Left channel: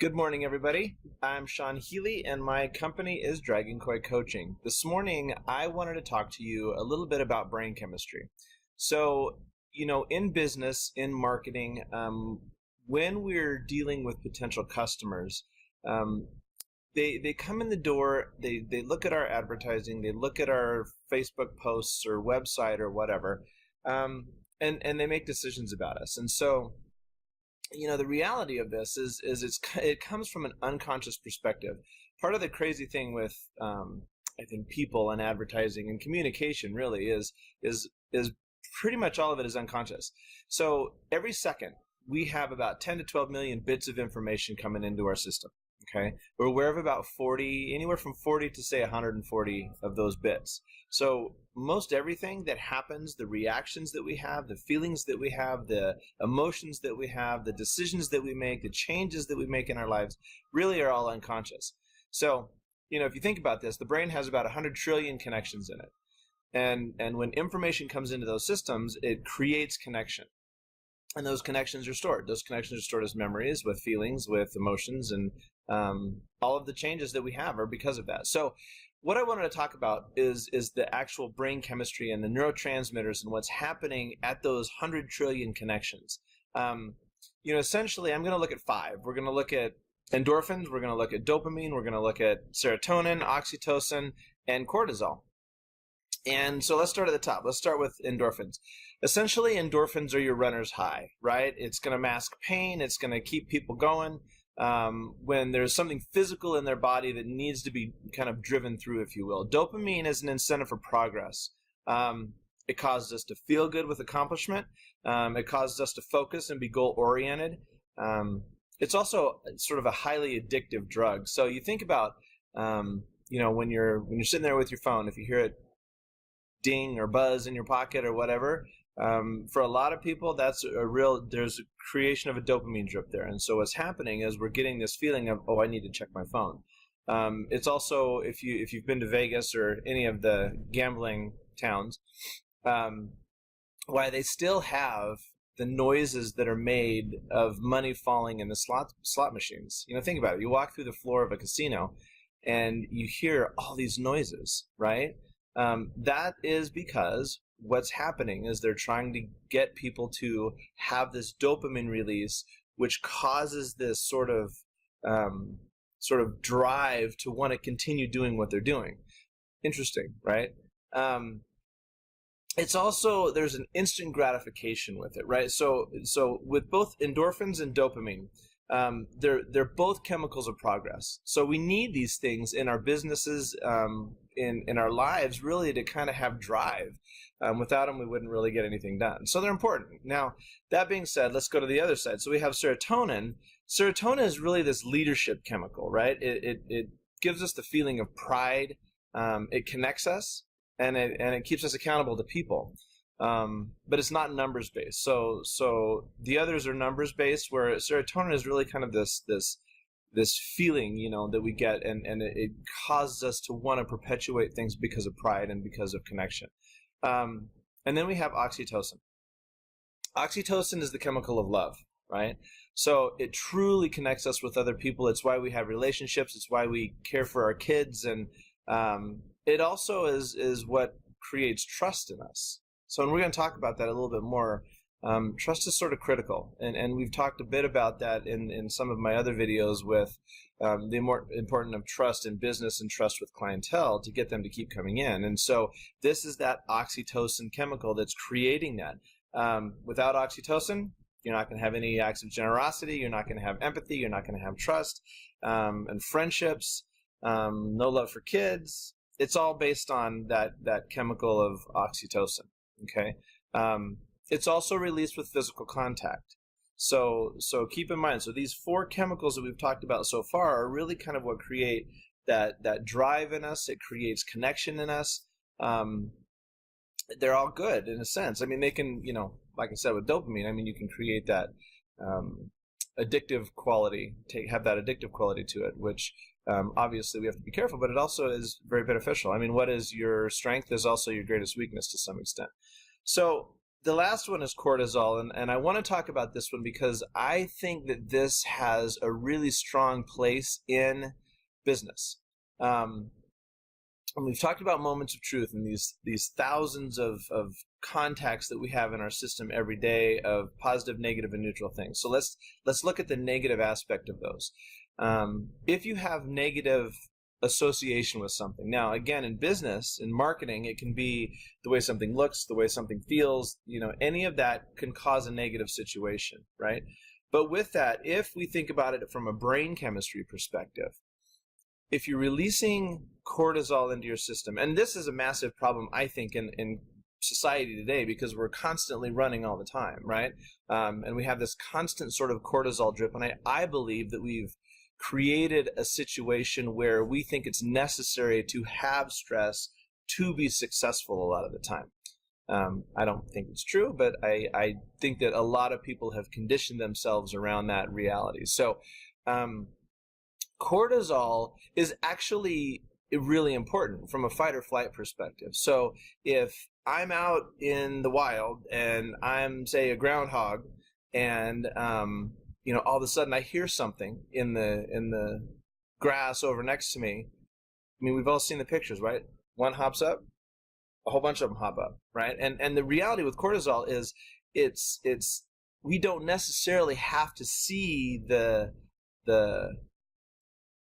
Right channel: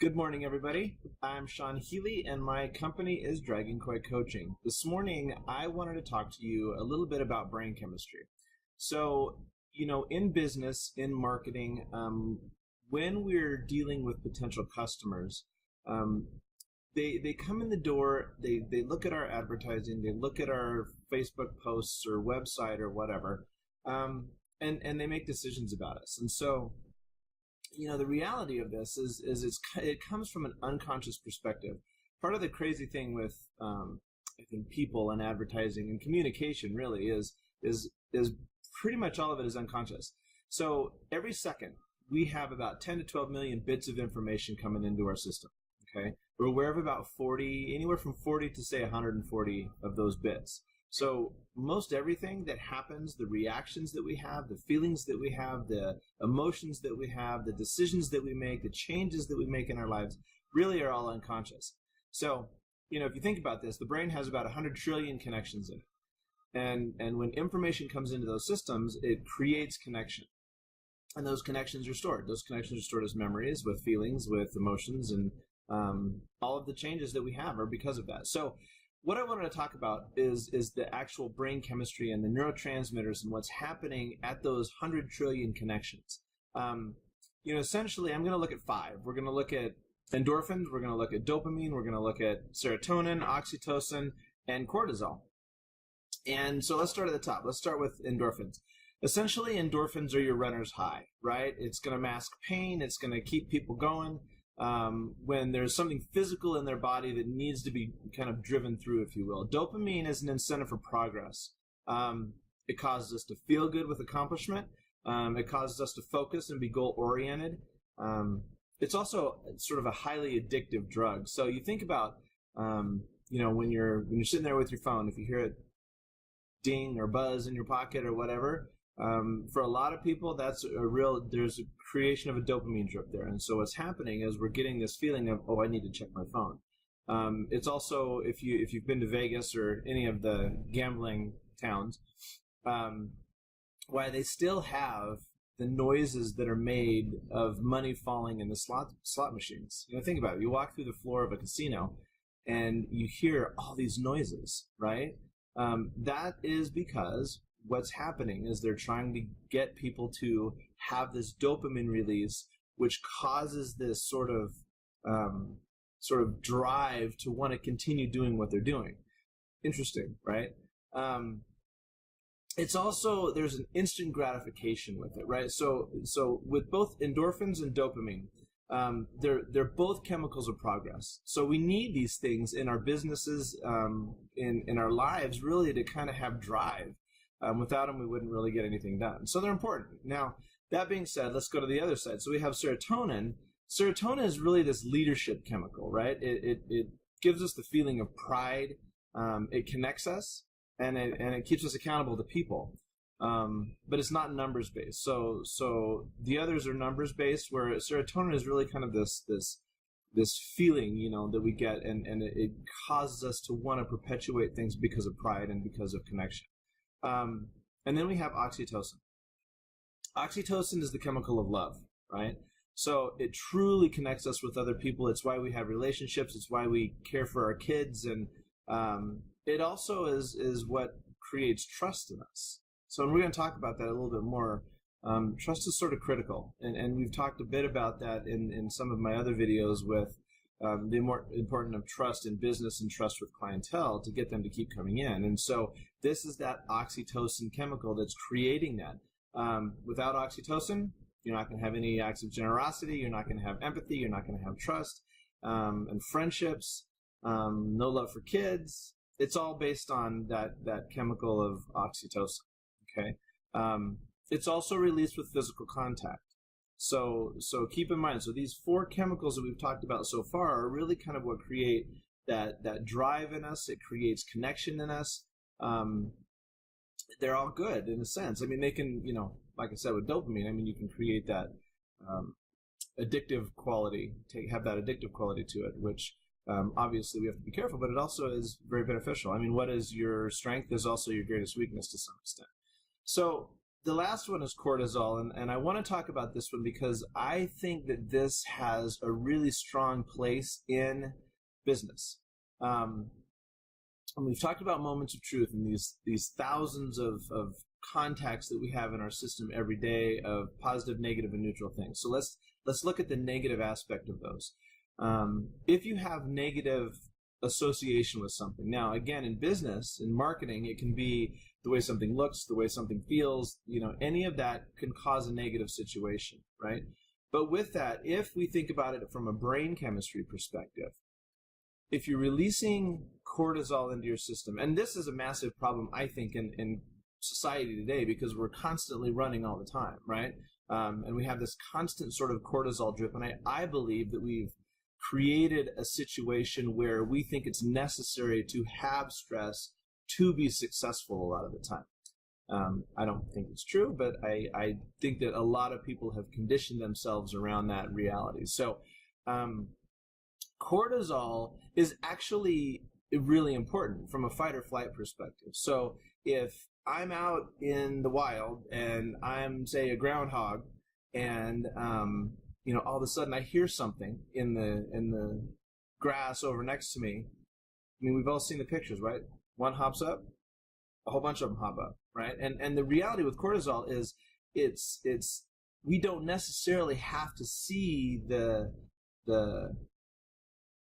Good morning, everybody. I'm Sean Healy, and my company is Dragon Koi Coaching. This morning, I wanted to talk to you a little bit about brain chemistry. So, in business, in marketing, when we're dealing with potential customers, um, they come in the door, they look at our advertising, they look at our Facebook posts or website or whatever, um, and they make decisions about us. And so, the reality of this it comes from an unconscious perspective. Part of the crazy thing with I think people and advertising and communication really is pretty much all of it is unconscious. So every second we have about 10 to 12 million bits of information coming into our system. Okay, we're aware of about 40, anywhere from 40 to say 140 of those bits. So most everything that happens, the reactions that we have, the feelings that we have, the emotions that we have, the decisions that we make, the changes that we make in our lives really are all unconscious. So, if you think about this, the brain has about 100 trillion connections in it. And when information comes into those systems, it creates connection. And those connections are stored. Those connections are stored as memories, with feelings, with emotions, and all of the changes that we have are because of that. So what I wanted to talk about is the actual brain chemistry and the neurotransmitters and what's happening at those 100 trillion connections. Essentially, I'm going to look at five. We're going to look at endorphins, we're going to look at dopamine, we're going to look at serotonin, oxytocin, and cortisol. And so let's start at the top. Let's start with endorphins. Essentially, endorphins are your runner's high, right? It's going to mask pain. It's going to keep people going. When there's something physical in their body that needs to be kind of driven through, if you will. Dopamine is an incentive for progress. It causes us to feel good with accomplishment. It causes us to focus and be goal-oriented. It's also sort of a highly addictive drug. So you think about, when you're sitting there with your phone, if you hear it ding or buzz in your pocket or whatever, for a lot of people, there's a creation of a dopamine drip there. And so what's happening is we're getting this feeling of, oh, I need to check my phone. It's also, if you've been to Vegas or any of the gambling towns, why they still have the noises that are made of money falling in the slot machines. Think about it. You walk through the floor of a casino and you hear all these noises, right? That is because what's happening is they're trying to get people to have this dopamine release, which causes this sort of drive to want to continue doing what they're doing. Interesting, right? It's also, there's an instant gratification with it, right? So with both endorphins and dopamine, they're both chemicals of progress. So we need these things in our businesses, in our lives, really, to kind of have drive. Without them, we wouldn't really get anything done. So they're important. Now, that being said, let's go to the other side. So we have serotonin. Serotonin is really this leadership chemical, right? It gives us the feeling of pride. It connects us, and it keeps us accountable to people. But it's not numbers based. So the others are numbers based, where serotonin is really kind of this feeling, that we get, and it causes us to want to perpetuate things because of pride and because of connection. And then we have oxytocin. Oxytocin is the chemical of love, right? So it truly connects us with other people. It's why we have relationships. It's why we care for our kids. And it also is what creates trust in us. So, and we're going to talk about that a little bit more. Trust is sort of critical. And we've talked a bit about that in some of my other videos with the importance of trust in business and trust with clientele to get them to keep coming in. And so this is that oxytocin chemical that's creating that. Without oxytocin, you're not going to have any acts of generosity. You're not going to have empathy. You're not going to have trust and friendships, no love for kids. It's all based on that chemical of oxytocin. Okay. It's also released with physical contact. So keep in mind, so these four chemicals that we've talked about so far are really kind of what create that drive in us. It creates connection in us. They're all good in a sense. I mean, they can, like I said with dopamine, I mean, you can create that addictive quality, have that addictive quality to it, which obviously we have to be careful, but it also is very beneficial. I mean, what is your strength is also your greatest weakness to some extent. So the last one is cortisol, and I want to talk about this one because I think that this has a really strong place in business. And we've talked about moments of truth and these thousands of contacts that we have in our system every day of positive, negative, and neutral things. So let's look at the negative aspect of those. If you have negative association with something, now again, in business, in marketing, it can be the way something looks, the way something feels, any of that can cause a negative situation, right? But with that, if we think about it from a brain chemistry perspective, if you're releasing cortisol into your system, and this is a massive problem, I think, in society today, because we're constantly running all the time, right? And we have this constant sort of cortisol drip, and I believe that we've created a situation where we think it's necessary to have stress to be successful a lot of the time. I don't think it's true, but I think that a lot of people have conditioned themselves around that reality. So cortisol is actually really important from a fight or flight perspective. So if I'm out in the wild and I'm, say, a groundhog, and all of a sudden I hear something in the grass over next to me. I mean, we've all seen the pictures, right? One hops up, a whole bunch of them hop up, right? And the reality with cortisol is it's we don't necessarily have to see the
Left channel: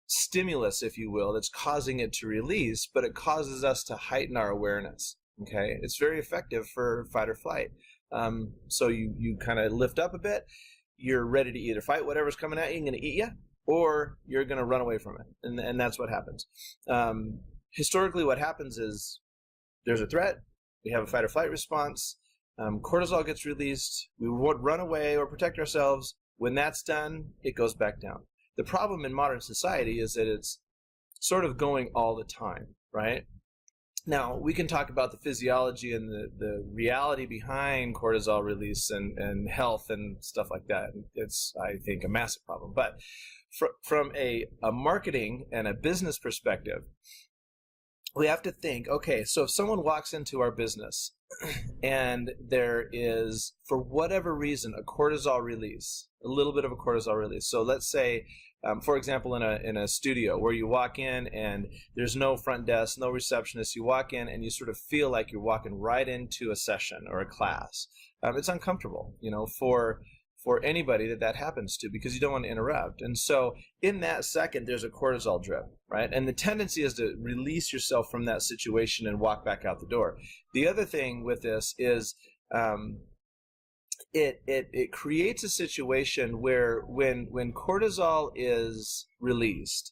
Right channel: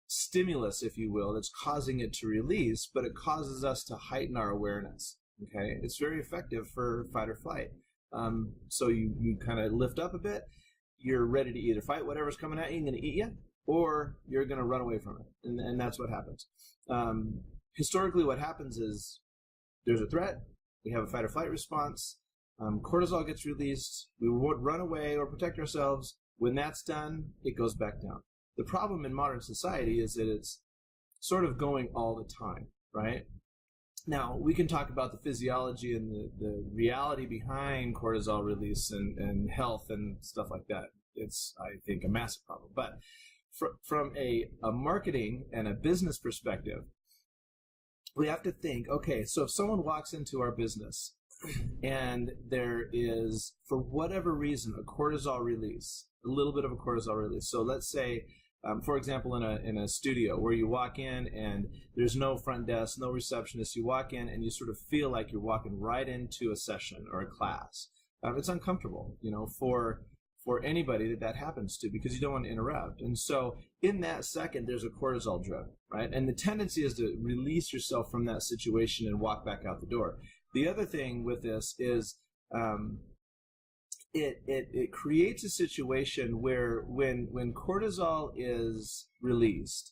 stimulus, if you will, that's causing it to release, but it causes us to heighten our awareness. Okay, it's very effective for fight or flight. So you kind of lift up a bit. You're ready to either fight whatever's coming at you and going to eat you, or you're going to run away from it, and that's what happens. Historically, what happens is there's a threat. We have a fight or flight response. Cortisol gets released. We would run away or protect ourselves. When that's done, it goes back down. The problem in modern society is that it's sort of going all the time, right? Now, we can talk about the physiology and the reality behind cortisol release and health and stuff like that. It's, I think, a massive problem. But from a marketing and a business perspective, we have to think, okay, so if someone walks into our business and there is, for whatever reason, a cortisol release, a little bit of a cortisol release. So let's say, for example, in a studio where you walk in and there's no front desk, no receptionist, you walk in and you sort of feel like you're walking right into a session or a class. It's uncomfortable, for anybody that happens to, because you don't want to interrupt. And so in that second, there's a cortisol drip, right? And the tendency is to release yourself from that situation and walk back out the door. The other thing with this is it creates a situation where when cortisol is released,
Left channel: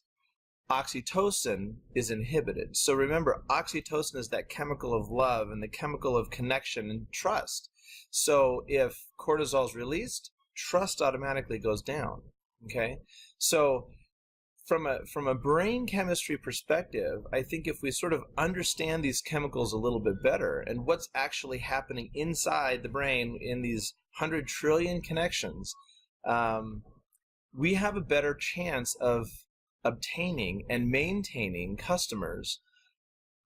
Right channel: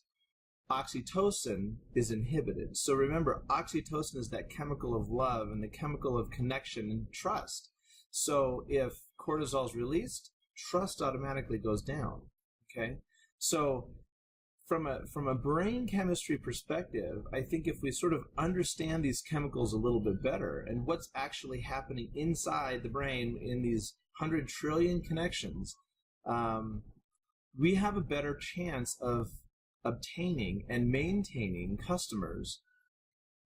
oxytocin is inhibited. So remember, oxytocin is that chemical of love and the chemical of connection and trust. So if cortisol is released, trust automatically goes down. Okay, so from a brain chemistry perspective, I think if we sort of understand these chemicals a little bit better and what's actually happening inside the brain in these 100 trillion connections, we have a better chance of obtaining and maintaining customers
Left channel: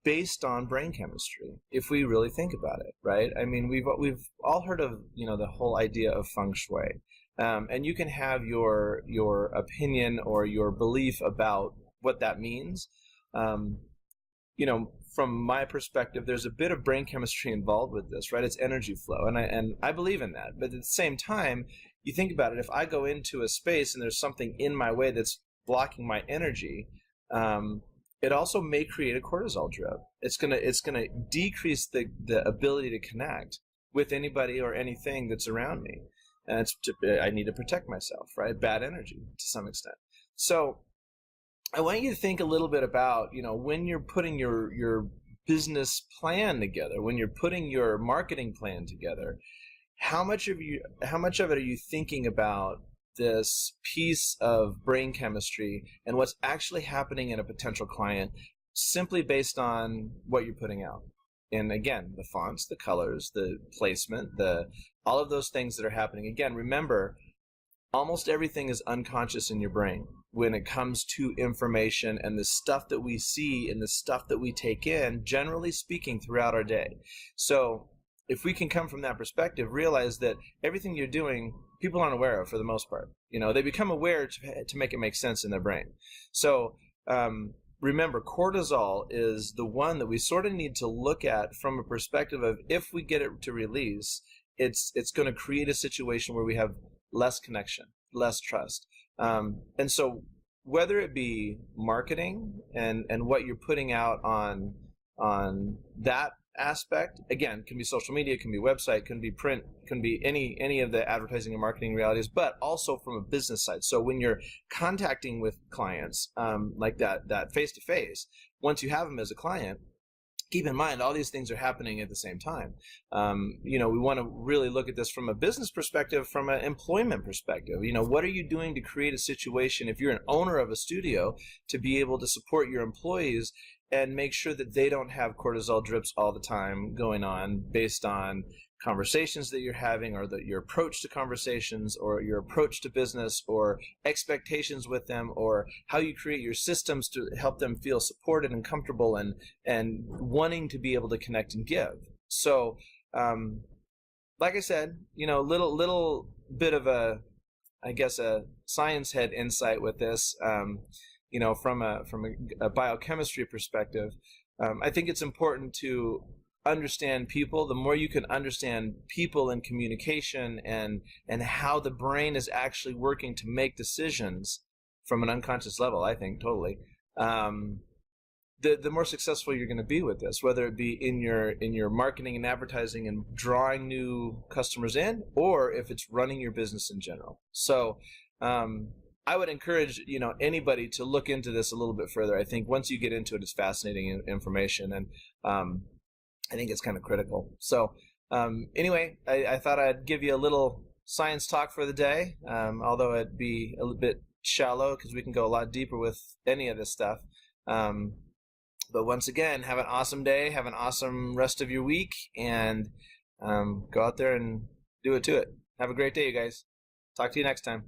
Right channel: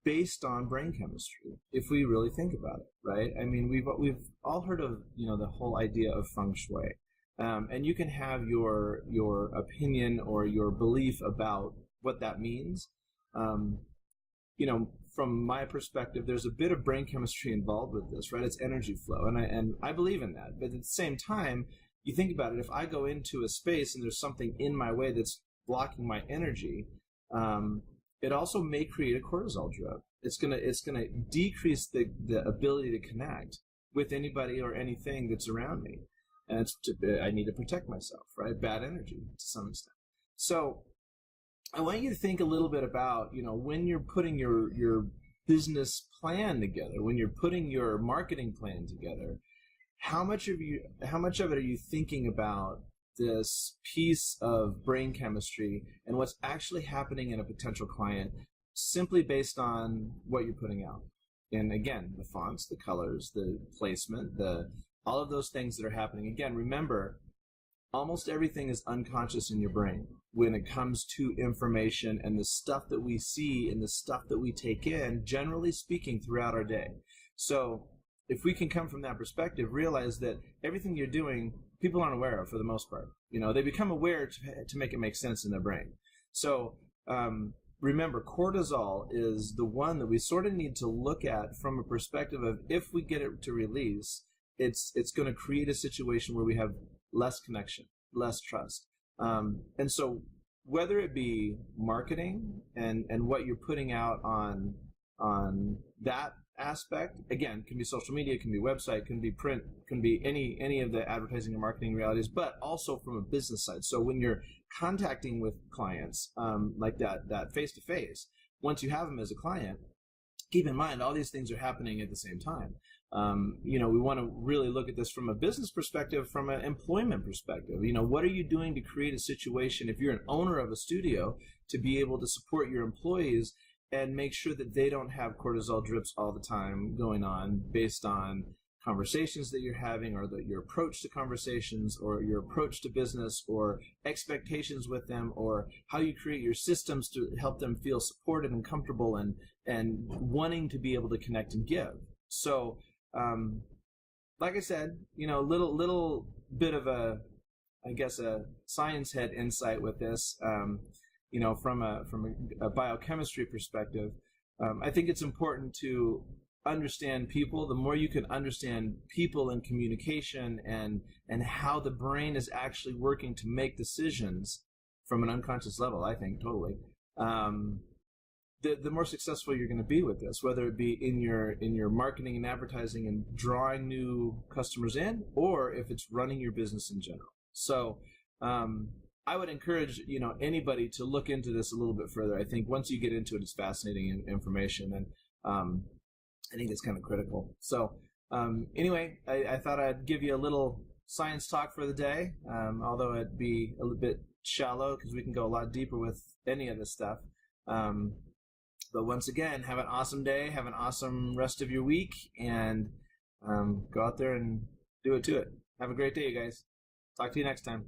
based on brain chemistry, if we really think about it, right? I mean, we've all heard of the whole idea of feng shui, and you can have your opinion or your belief about what that means. From my perspective, there's a bit of brain chemistry involved with this, right? It's energy flow, and I believe in that. But at the same time, you think about it, if I go into a space and there's something in my way that's blocking my energy, it also may create a cortisol drip. It's gonna decrease the ability to connect with anybody or anything that's around me, and I need to protect myself, right? Bad energy to some extent. So I want you to think a little bit about, when you're putting your business plan together, when you're putting your marketing plan together, how much of it are you thinking about this piece of brain chemistry and what's actually happening in a potential client simply based on what you're putting out? And again, the fonts, the colors, the placement, all of those things that are happening. Again, remember, almost everything is unconscious in your brain when it comes to information and the stuff that we see and the stuff that we take in, generally speaking, throughout our day. So if we can come from that perspective, realize that everything you're doing, people aren't aware of for the most part. They become aware to make it make sense in their brain. So remember, cortisol is the one that we sort of need to look at from a perspective of, if we get it to release, it's going to create a situation where we have less connection, less trust. And so whether it be marketing and what you're putting out on that aspect, again, can be social media, can be website, can be print, can be any of the advertising and marketing realities, but also from a business side. So when you're contacting with clients, like that face-to-face, once you have them as a client, keep in mind all these things are happening at the same time. We want to really look at this from a business perspective, from an employment perspective. What are you doing to create a situation, if you're an owner of a studio, to be able to support your employees and make sure that they don't have cortisol drips all the time going on based on conversations that you're having, or your approach to conversations, or your approach to business, or expectations with them, or how you create your systems to help them feel supported and comfortable and wanting to be able to connect and give. So, like I said, little bit of a science head insight with this. From a biochemistry perspective, I think it's important to understand people. The more you can understand people and communication and how the brain is actually working to make decisions from an unconscious level, I think totally, the more successful you're going to be with this, whether it be in your marketing and advertising and drawing new customers in, or if it's running your business in general. So, I would encourage anybody to look into this a little bit further. I think once you get into it, it's fascinating information, and I think it's kind of critical. So anyway, I thought I'd give you a little science talk for the day, although it'd be a little bit shallow because we can go a lot deeper with any of this stuff. But once again, have an awesome day, have an awesome rest of your week, and go out there and do it to it. Have a great day, you guys. Talk to you next time.